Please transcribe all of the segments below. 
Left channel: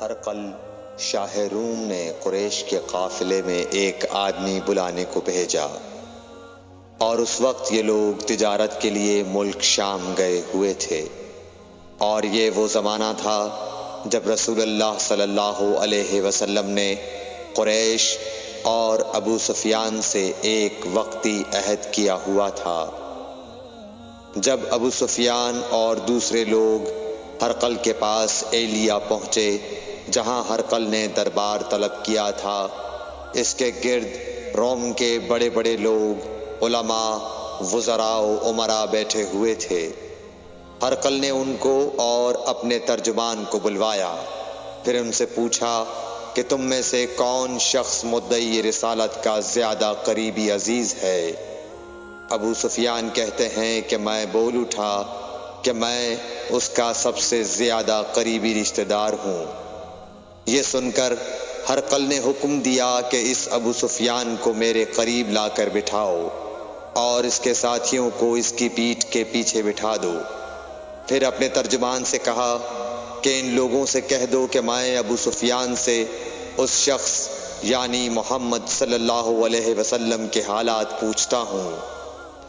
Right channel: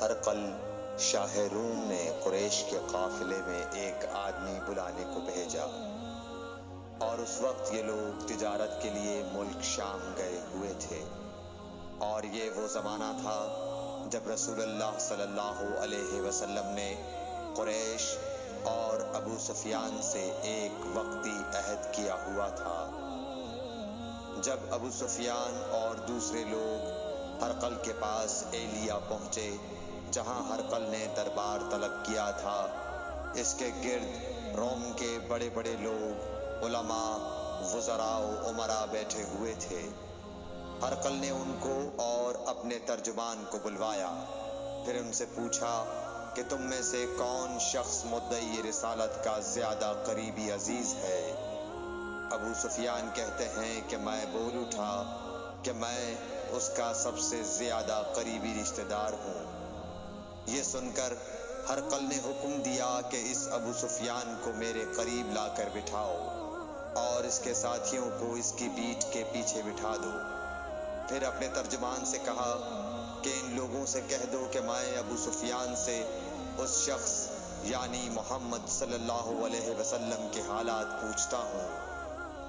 ہرقل شاہ روم نے قریش کے قافلے میں ایک آدمی بلانے کو بھیجا، اور اس وقت یہ لوگ تجارت کے لیے ملک شام گئے ہوئے تھے، اور یہ وہ زمانہ تھا جب رسول اللہ صلی اللہ علیہ وسلم نے قریش اور ابو سفیان سے ایک وقتی عہد کیا ہوا تھا۔ جب ابو سفیان اور دوسرے لوگ ہرقل کے پاس ایلیا پہنچے جہاں ہرقل نے دربار طلب کیا تھا، اس کے گرد روم کے بڑے بڑے لوگ، علماء، وزراء و امراء بیٹھے ہوئے تھے۔ ہرقل نے ان کو اور اپنے ترجمان کو بلوایا، پھر ان سے پوچھا کہ تم میں سے کون شخص مدعی رسالت کا زیادہ قریبی عزیز ہے؟ ابو سفیان کہتے ہیں کہ میں بول اٹھا کہ میں اس کا سب سے زیادہ قریبی رشتہ دار ہوں۔ یہ سن کر ہرقل نے حکم دیا کہ اس ابو سفیان کو میرے قریب لا کر بٹھاؤ اور اس کے ساتھیوں کو اس کی پیٹھ کے پیچھے بٹھا دو۔ پھر اپنے ترجمان سے کہا کہ ان لوگوں سے کہہ دو کہ میں ابو سفیان سے اس شخص یعنی محمد صلی اللہ علیہ وسلم کے حالات پوچھتا ہوں۔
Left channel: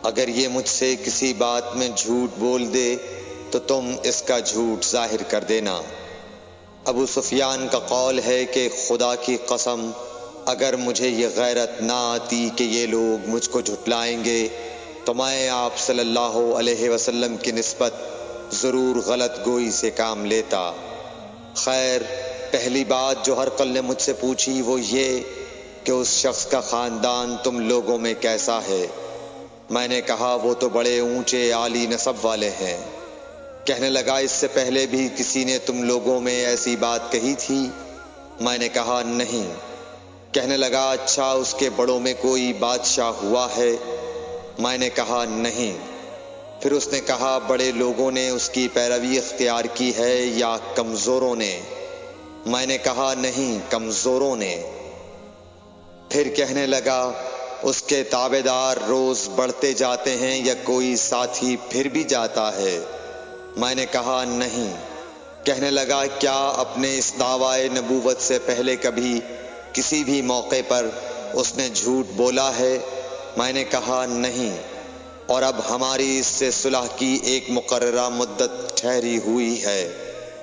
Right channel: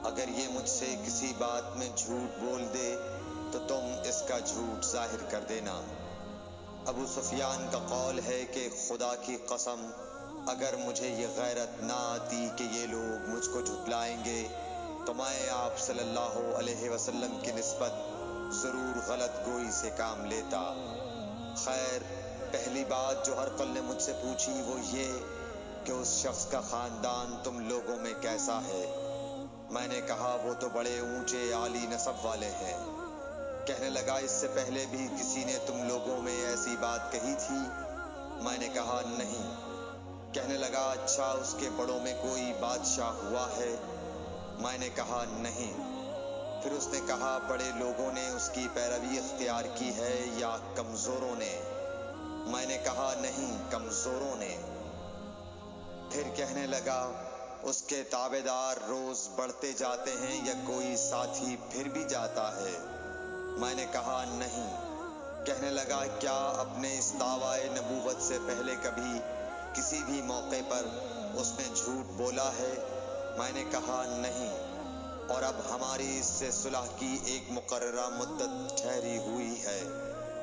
اگر یہ مجھ سے کسی بات میں جھوٹ بول دے تو تم اس کا جھوٹ ظاہر کر دینا۔ ابو سفیان کا قول ہے کہ خدا کی قسم اگر مجھے یہ غیرت نہ آتی کہ یہ لوگ مجھ کو جھٹلائیں گے تو میں آپ صلی اللہ علیہ وسلم کی نسبت ضرور غلط گوئی سے کام لیتا۔ خیر، پہلی بات جو ہرقل نے مجھ سے پوچھی وہ یہ کہ اس شخص کا خاندان تم لوگوں میں کیسا ہے؟ میں نے کہا وہ تو بڑے اونچے عالی نسب والے ہیں۔ کہنے لگا اس سے پہلے بھی کسی نے تم لوگوں میں ایسی بات کہی تھی؟ میں نے کہا نہیں۔ کہنے لگا اچھا اس کے بڑوں میں کوئی بادشاہ ہوا ہے؟ میں نے کہا نہیں۔ پھر اس نے کہا بڑے لوگوں نے اس کی پیروی اختیار کی ہے یا کمزوروں نے؟ میں نے کہا نہیں، کمزوروں نے۔ پھر کہنے لگا اس کے تابعدار روز بڑھتے جاتے ہیں یا کوئی ساتھی پھر بھی جاتا ہے؟ میں نے کہا نہیں۔ کہنے لگا کیا اپنے اس دعوی نبوت سے پہلے کبھی کسی بھی موقع پر اس نے جھوٹ بولا ہے؟ میں نے کہا نہیں۔ اور اب ہماری اس سے صلح کی ایک مقررہ مدت ٹھہری ہوئی ہے،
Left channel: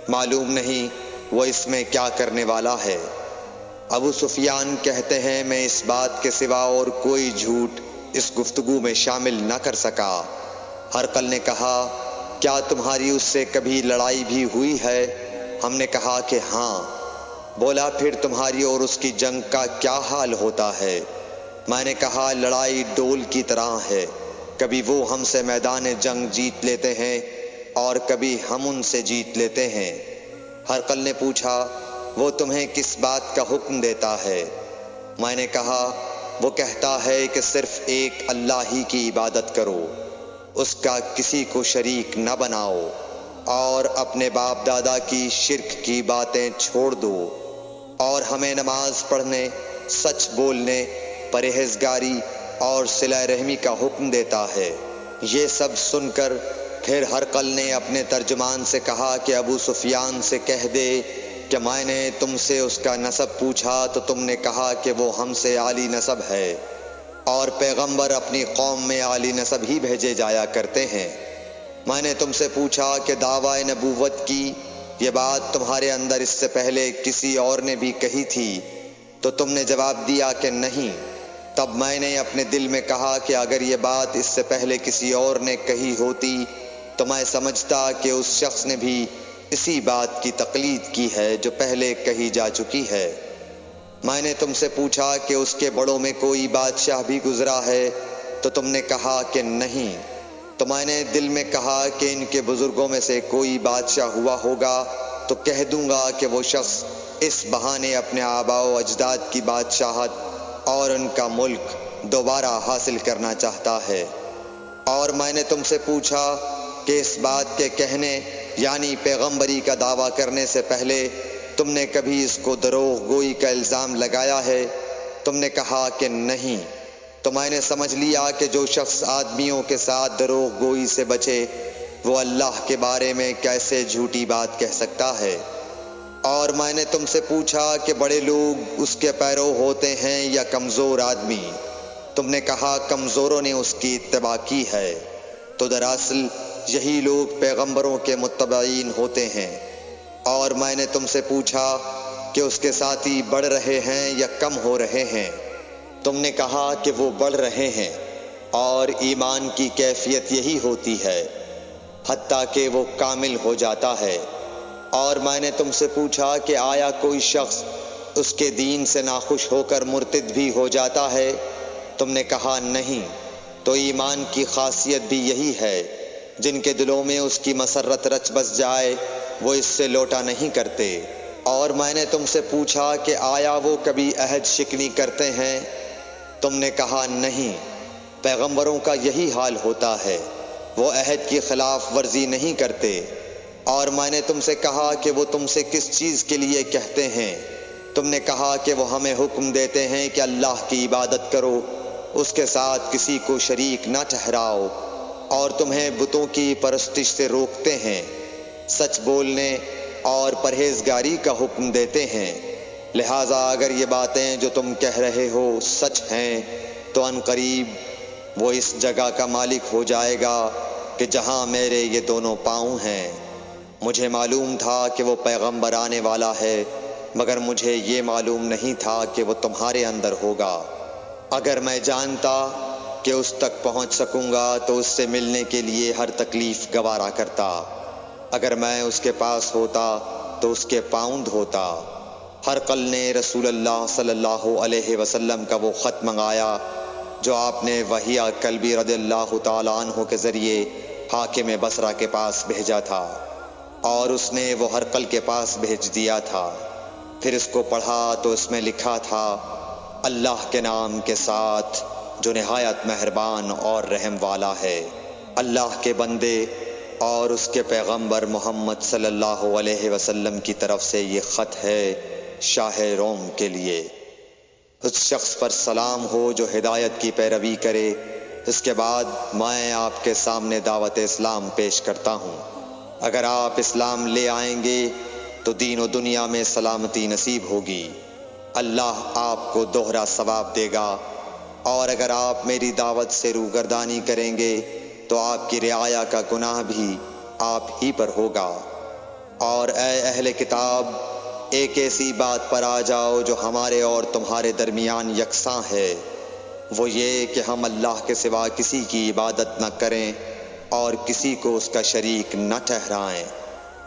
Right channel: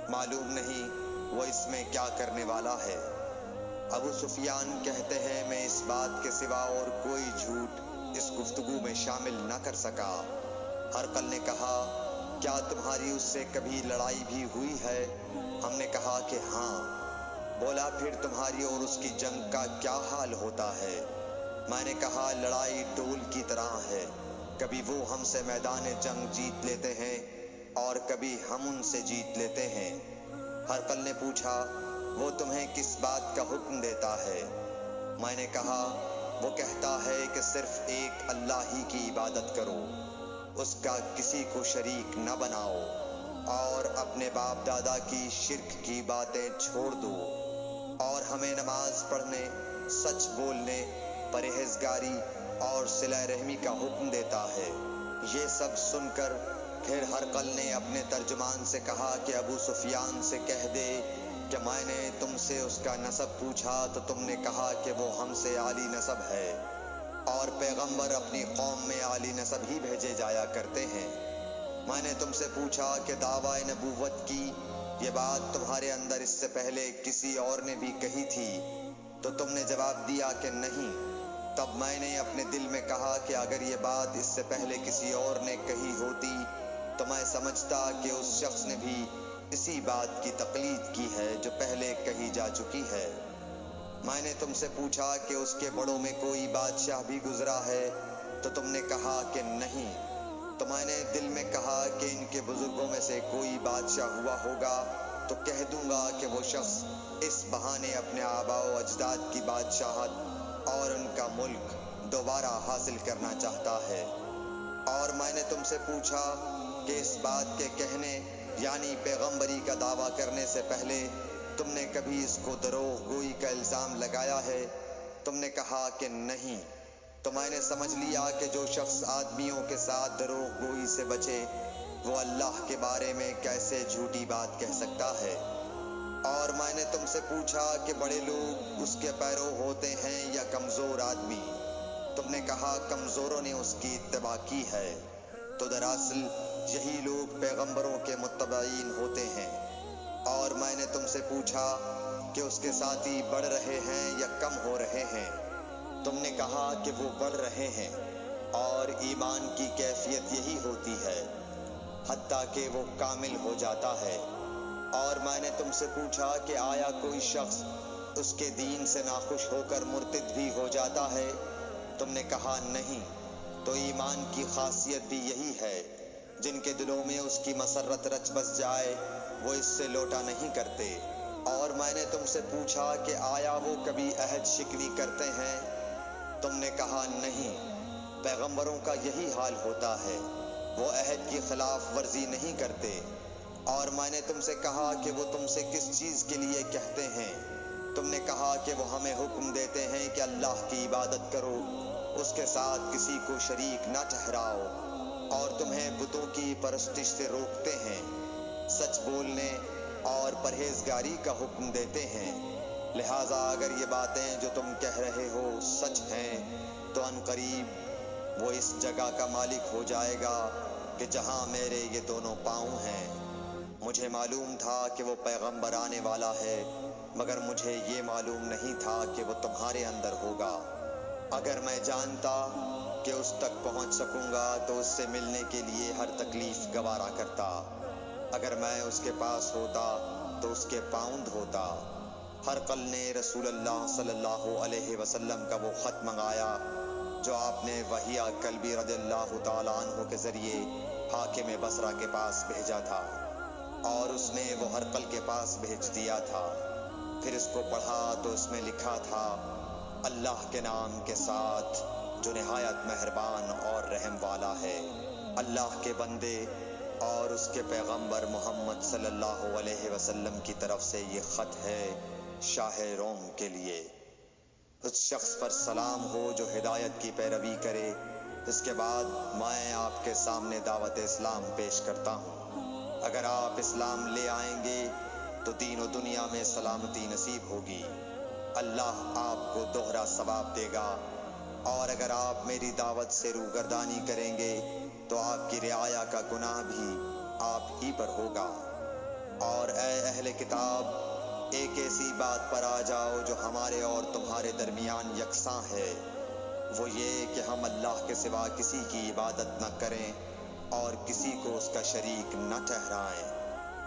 معلوم نہیں وہ اس میں کیا کرنے والا ہے۔ ابو سفیان کہتے ہیں میں اس بات کے سوا اور کوئی جھوٹ اس گفتگو میں شامل نہ کر سکا۔ ہرقل نے کہا کیا تمہاری اس سے کبھی لڑائی بھی ہوئی ہے؟ ہم نے کہا کہ ہاں۔ بولا پھر تمہاری اور اس کی جنگ کا کیا حال ہوتا ہے؟ میں نے کہا لڑائی ڈول کی طرح ہے، کبھی وہ ہم سے میدان جنگ جیت لیتے ہیں اور کبھی ہم ان سے جیت لیتے ہیں۔ ہرقل نے پوچھا وہ تمہیں کس بات کا حکم دیتا ہے؟ میں نے کہا وہ کہتا ہے کہ صرف ایک اللہ ہی کی عبادت کرو، اس کا کسی کو شریک نہ بناؤ، اور اپنے باپ دادا کی شرک کی باتیں چھوڑ دو، اور ہمیں نماز پڑھنے، سچ بولنے، پرہیزگاری اور صلہ رحمی کا حکم دیتا ہے۔ یہ سب سن کر پھر ہرقل نے اپنے ترجمان سے کہا کہ ابو سفیان سے کہہ دے کہ میں نے تم سے اس کا نسب پوچھا تو تم نے کہا کہ وہ ہم سے عالی نسب ہے، اور پیغمبر اپنی قوم میں عالی نسب ہی بھیجے جایا کرتے ہیں۔ میں نے تم سے پوچھا کہ دعوی نبوت کی یہ بات تمہارے اندر اس سے پہلے کسی اور نے بھی کہی تھی تو تم نے جواب دیا کہ نہیں۔ تب میں نے اپنے دل میں کہا کہ اگر یہ بات اس سے پہلے کسی اور نے کہی ہوتی تو میں سمجھتا کہ اس شخص نے بھی اسی بات کی تقلید کی ہے جو پہلے کہی جا چکی ہے۔ میں نے تم سے پوچھا کہ اس کے بڑوں میں کوئی بادشاہ بھی گزرا ہے تو تم نے کہا کہ نہیں۔ تو میں نے دل میں کہا کہ ان کے بزرگوں میں سے کوئی بادشاہ ہوا ہوگا تو کہہ دوں گا کہ وہ شخص اس بہانے اپنے آباء و اجداد کی بادشاہت اور ان کا ملک دوبارہ حاصل کرنا چاہتا ہے۔ اور میں نے تم سے پوچھا کہ اس بات کے کہنے یعنی پیغمبری کا دعویٰ کرنے سے پہلے تم نے کبھی اس کو دروغ گوئی کا الزام لگایا ہے؟ تم نے کہا کہ نہیں۔ تو میں نے سمجھ لیا کہ جو شخص آدمیوں کے ساتھ دروغ گوئی سے بچے وہ اللہ کے بارے میں کیسے جھوٹی بات کہہ سکتا ہے۔ اور میں نے تم سے پوچھا کہ بڑے لوگ اس کے پیرو ہوتے ہیں یا کمزور آدمی؟ تم نے کہا کمزوروں نے اس کی اتباع کی ہے۔ تو دراصل یہی لوگ پیغمبروں کے متبعین ہوتے ہیں۔ اور میں نے تم سے پوچھا کہ اس کے ساتھی بڑھ رہے ہیں یا کم ہو رہے ہیں؟ تم نے کہا کہ وہ بڑھ رہے ہیں، اور ایمان کی کیفیت یہی ہوتی ہے حتیٰ کہ وہ کامل ہو جاتا ہے۔ اور میں نے تم سے پوچھا کہ آیا کوئی شخص اس کے دین سے ناخوش ہو کر مرتد بھی ہو جاتا ہے؟ تم نے کہا نہیں۔ تو ایمان کی خاصیت بھی یہی ہے، جن کے دلوں میں اس کی مسرت رچ بس جائے وہ اس سے لوٹا نہیں کرتے۔ اور میں نے تم سے پوچھا کہ آیا وہ کبھی عہد شکنی کرتے ہیں؟ تم نے کہا نہیں۔ پیغمبروں کا یہی حال ہوتا ہے، وہ عہد کی خلاف ورزی نہیں کرتے۔ اور میں نے تم سے کہا کہ وہ تم سے کس چیز کے لیے کہتے ہیں؟ تم نے کہا کہ وہ ہمیں حکم دیتے ہیں کہ اللہ کی عبادت کرو، اس کے ساتھ کسی کو شریک نہ ٹھہراؤ، اور تمہیں بتوں کی پرستش سے روکتے ہیں، سچ بولنے اور پرہیزگاری کا حکم دیتے ہیں۔ لہٰذا اگر یہ باتیں جو تم کہہ رہے ہو سچ ہیں تو ان قریب وہ اس جگہ کا مالک ہو جائے گا کہ جہاں میرے یہ دونوں پاؤں ہیں۔ مجھے معلوم تھا کہ وہ پیغمبر آنے والا ہے، مگر مجھے یہ معلوم نہیں تھا کہ وہ تمہارے اندر ہوگا۔ اگر میں جانتا کہ اس تک پہنچ سکوں گا تو اس سے ملنے کے لیے ہر تکلیف گوارا کرتا۔ اگر میں اس کے پاس ہوتا تو اس کے پاؤں دھوتا۔ ہرقل نے رسول اللہ صلی اللہ علیہ وسلم کا وہ خط منگایا جو آپ نے وحیہ کلبی رضی اللہ تعالیٰ عنہ کے ذریعے حاکم بصرہ کے پاس بھیجا تھا، اور اس نے وہ ہرقل کے پاس بھیج دیا تھا۔ پھر اس کو پڑھا تو اس میں لکھا تھا، اللہ کے نام کے ساتھ جو نہایت مہربان اور رحم والا ہے۔ اللہ کے بندے اور اس کے پیغمبر محمد صلی اللہ علیہ وسلم کی طرف سے یہ خط ہے شاہ روم کے لیے۔ اس شخص پر سلام ہو جو ہدایت کی پیروی کرے۔ اس کے بعد میں آپ کے سامنے دعوت اسلام پیش کرتا ہوں۔ اگر آپ اسلام لے آئیں گے تو دین و دنیا میں سلامتی نصیب ہوگی، اللہ آپ کو دوہرا ثواب دے گا، اور اگر آپ میری دعوت سے روگردانی کریں گے تو آپ کی رعایا کا گناہ بھی آپ ہی پر ہوگا۔ اور اے اہل کتاب، ایک ایسی بات پر آ جاؤ جو ہمارے اور تمہارے درمیان یکساں ہے، وہ یہ کہ ہم اللہ کے سوا کسی کی عبادت نہ کریں اور کسی کو اس کا شریک نہ ٹھہرائیں،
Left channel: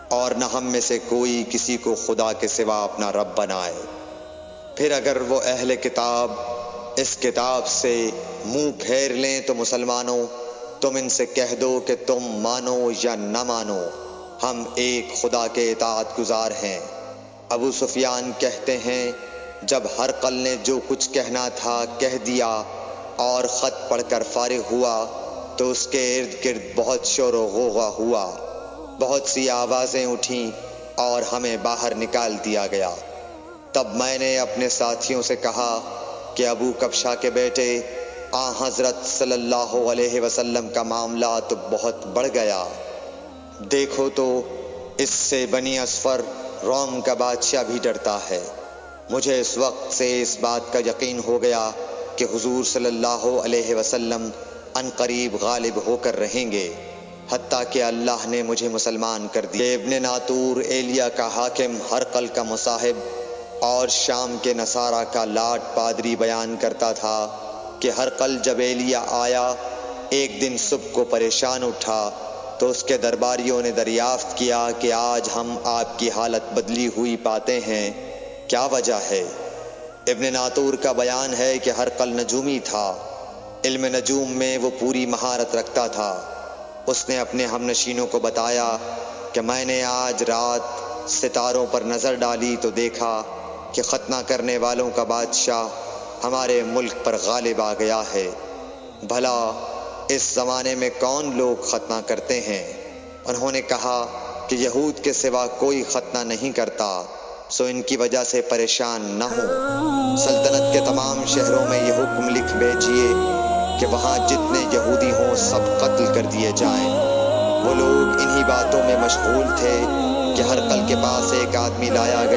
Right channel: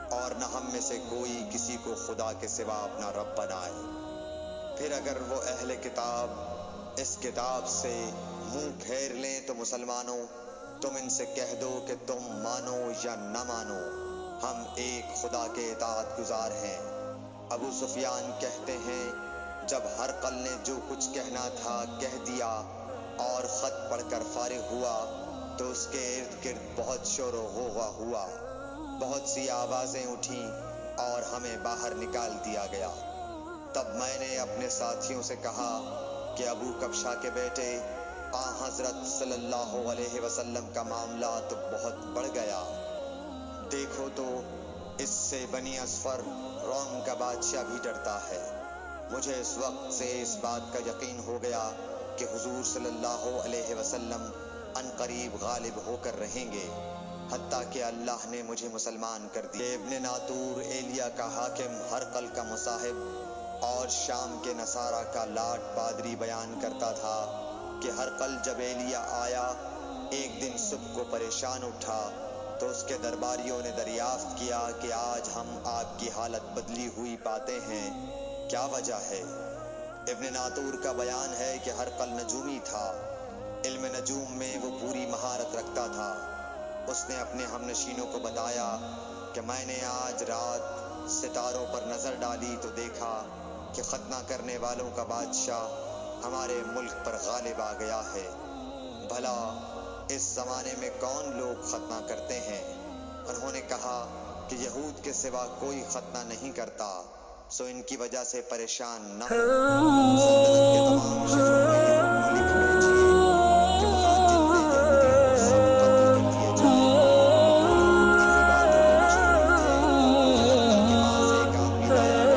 اور نہ ہم میں سے کوئی کسی کو خدا کے سوا اپنا رب بنائے۔ پھر اگر وہ اہل کتاب اس کتاب سے منہ پھیر لیں تو مسلمانوں، تم ان سے کہہ دو کہ تم مانو یا نہ مانو، ہم ایک خدا کے اطاعت گزار ہیں۔ ابو سفیان کہتے ہیں، جب ہرقل نے جو کچھ کہنا تھا کہہ دیا اور خط پڑھ کر فارغ ہوا تو اس کے ارد گرد بہت شور و غوغا ہوا، بہت سی آوازیں اٹھیں اور ہمیں باہر نکال دیا گیا۔ تب میں نے اپنے ساتھیوں سے کہا کہ ابو کبشہ کے بیٹے آن حضرت صلی اللہ علیہ وسلم کا معاملہ تو بہت بڑھ گیا۔ دیکھو تو اس سے بنی اصفر روم کا بادشاہ بھی ڈرتا ہے۔ مجھے اس وقت سے اس بات کا یقین ہو گیا کہ حضور صلی اللہ علیہ وسلم ان قریب غالب ہو کر رہیں گے، حتیٰ کہ اللہ نے مجھے مسلمان کر دیا۔ ابن ناطور ایلیا کا حاکم ہرقل کا مصاحب اور شام کے نصارہ کا لاٹ پادری بیان کرتا تھا کہ ہرقل جب ایلیا آیا ایک دن صبح کو پریشان اٹھا تو اس کے درباریوں نے دریافت کیا کہ آج ہم آپ کی حالت بدلی ہوئی پاتے ہیں، کیا وجہ ہے؟ ابن ناطور کا بیان ہے کہ ہرقل نجومی تھا، علم نجوم میں وہ پوری مہارت رکھتا تھا۔ اس نے اپنے ہم نشینوں کو بتایا کہ میں نے آج رات ستاروں پر نظر ڈالی تو دیکھا کہ ختنہ کرنے والوں کا بادشاہ ہمارے ملک پر غالب آ گیا ہے۔ بھلا اس زمانے میں کون لوگ ختنہ کرتے ہیں؟ انہوں نے کہا کہ یہود کے سوا کوئی ختنہ نہیں کرتا، سو ان کی وجہ سے پریشان نہ ہو۔ سلطنت کے تمام شہروں میں یہ حکم لکھ بھیجیے کہ وہاں جتنے یہودی ہوں سب قتل کر دیے جائیں۔ وہ لوگ انہی باتوں میں مشغول تھے کہ ہرقل کے پاس ایک آدمی لایا گیا